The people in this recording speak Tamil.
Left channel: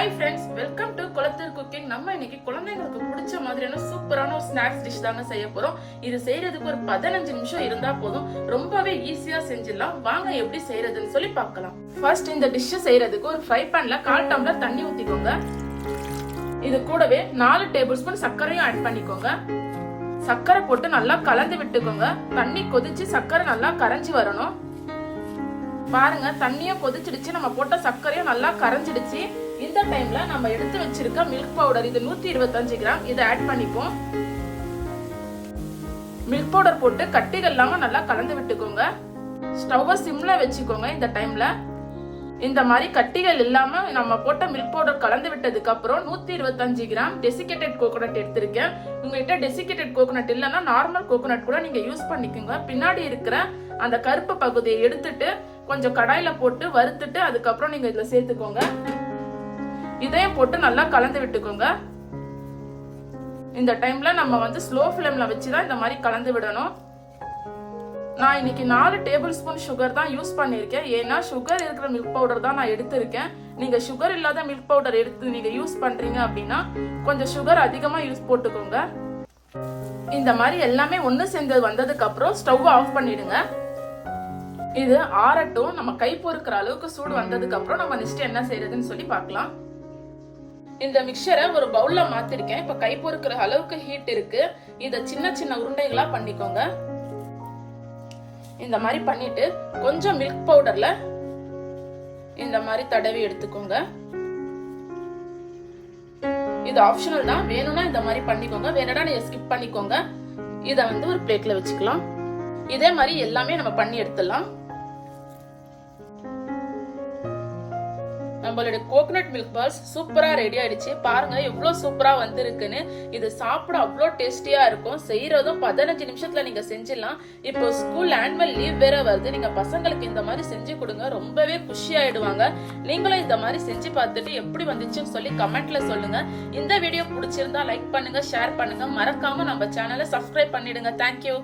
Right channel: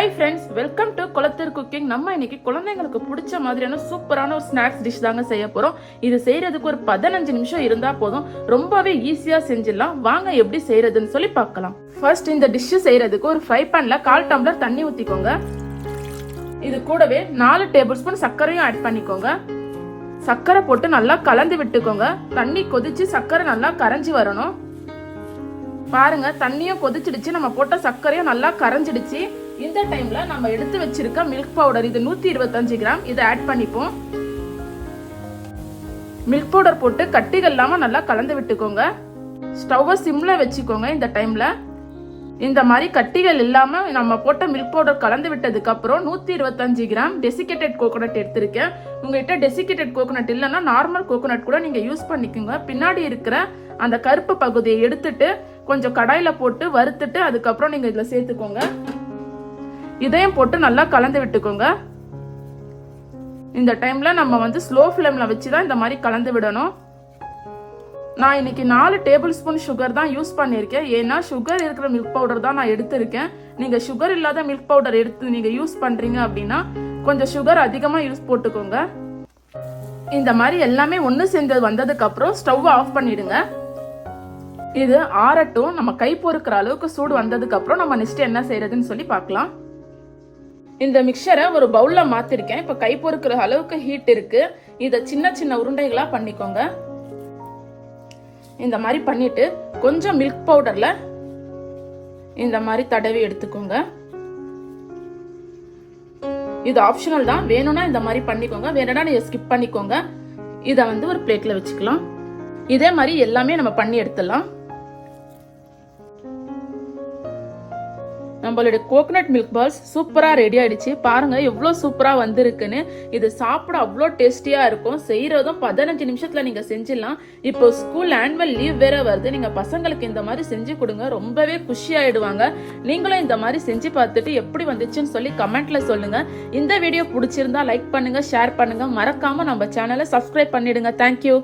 Hi friends, welcome to Kulathur cooking. நம்ம இன்னைக்கு குழந்தைங்களுக்கு பிடிச்ச மாதிரியான சூப்பரான ஒரு ஸ்நாக்ஸ் டிஷ் தாங்க செய்ய போறோம். இது செய்யறதுக்கு ஒரு 15 நிமிஷம் இருந்தா போதும். ரொம்பவே ஈஸியா செஞ்சிடலாம். வாங்க எப்படி செய்யறதுன்னு சொல்லி பார்க்கலாம். ஃபர்ஸ்ட் இந்த டிஷ் செய்யறதுக்கு ஒரு ஃப்ரை பேன்ல 1/4 டம்ளர் தண்ணி ஊத்திக்கோங்க. இது கூடவே 4 டேபிள் ஸ்பூன் சர்க்கரையும் ஆட் பண்ணிக்கோங்க. சர்க்கரை போட்டு நல்லா கலந்து விட்டுக்கோங்க. தண்ணி கொதிச்சு சர்க்கரை நல்லா கரைஞ்சி வரணும். பாருங்க, தண்ணியும் கொதிச்சிடுச்சு, நம்ம போட்ட சர்க்கரையும் நல்லா கரைஞ்சிடுச்சு. இந்த டைம்ல நம்ம எடுத்து வச்சிருக்க மில்க் பவுடர், இது 125 கிராம், இதை ஆட் பண்ணிப்போம். மில்க் பவுடர் போட்டு கட்டிகள் இல்லாம நல்லா கலந்து விட்டுக்கோங்க. ஸ்டவ்வை சிம்ல வச்சுக்கோங்க. இந்த டைம்ல இந்த மாதிரி கட்டிகள் இல்லாம நம்ம போட்ட மில்க் பவுடர் கலந்து விட்டதுக்கு அப்புறம் 125 கிராம் டெசிகேட்டட் கோகோனட் எடுத்திருக்கேன். உங்ககிட்ட டெசிகேட்டட் கோகோனட் இல்லைன்னா நார்மல் கோகோனட் கூட நீங்க யூஸ் பண்ணிக்கோங்க. பின்னாடி இருக்கிற அந்த கருப்பு பகுதியை எடுத்துட்டு கொஞ்சம் கடாயில போட்டு வறுத்துட்டு அதுக்கப்புறம் நீங்க இதுல சேர்த்துக்கோங்க. இதையும் போட்டு நல்லா கலந்து விட்டுக்கோங்க. இந்த டைம்ல நம்ம ஸ்லோ ஃப்ளேம்ல வச்சுதான் இந்த மாதிரி கலந்து விடணும். நான் இன்னைக்கு 4 டேபிள் ஸ்பூன் சுகர் தான் யூஸ் பண்ணிருக்கேன். ஏன்னா சுகர் இருக்கிற மில்க் பவுடர் தான் நான் எடுத்திருக்கேன். நீங்க சுகர் இல்லாத மில்க் பவுடர் எடுத்து நீங்க யூஸ் பண்றீங்க அப்படின்னா கொஞ்சம் சுகர் அதிகமா யூஸ் போட்டுக்கோங்க. இந்த மாதிரி எல்லாமே ஒண்ணு சேர்ந்து வந்ததுக்கு அப்புறம் ஸ்டவ் ஆஃப் பண்ணிடுங்க. இது ஆறட்டும். நம்ம கை பொறுக்கிற அளவுக்கு சூடு வந்ததுக்கு அப்புறம் நம்ம நெக்ஸ்ட் என்ன செய்யறதுன்னு சொல்லி பார்க்கலாம். இந்த மிக்சரை ஒரு பவுல்ல மாத்திருக்கேன். இப்ப கை பொறுக்கிற அளவுக்கு ஹீட் இருக்கு. இத சின்ன சின்ன உருண்டைகளா பண்ணிக்கோங்க. இந்த மாதிரி பண்ணிட்டு கொஞ்சம் மில்க் பவுடர்ல இந்த மாதிரி தடவி எடுத்துக்கோங்க. இது ஆப்ஷனல் தான், வேணும்னா இந்த மாதிரி பண்ணிக்கோங்க, வேணும்னா நீங்க ஸ்கிப் பண்ணிக்கோங்க. இத ஒரு பிளேட்ல வச்சுக்கலாம். இதே மாதிரி எல்லாமே நம்ம பண்ணி எடுத்துடலாம். நம்மளுடைய கோகனட் மில்க் பால்ஸ் சூப்பரா ரெடி ஆயிடுச்சு. பாருங்க எவ்வளவு சூப்பரா வந்திருக்குன்னு. இது சாப்பிட அவ்வளோ டேஸ்டியா இருக்கும். செய்யறதும் 15 நிமிஷத்துல நீங்க செஞ்சிடலாம். இப்போ ஸ்கூல் ஆனுவல் லீவ் வேற வருது. நீங்க பசங்களுக்கு இந்த மாதிரி செஞ்சு கொடுங்க, ரொம்பவே குஷி ஆயிடுவாங்க. நீங்களும் இந்த மாதிரி செஞ்சு பார்த்துட்டு எப்படி வந்துச்சுன்னு சொல்லி கமெண்ட்ல சொல்லுங்க. இந்த வீடியோ பிடிச்சிருந்தா லைக் பண்ணுங்க, ஷேர் பண்ணுங்க, மறக்காம நம்ம சேனலை சப்ஸ்கிரைப் பண்ணிடுங்க. தேங்க்யூ.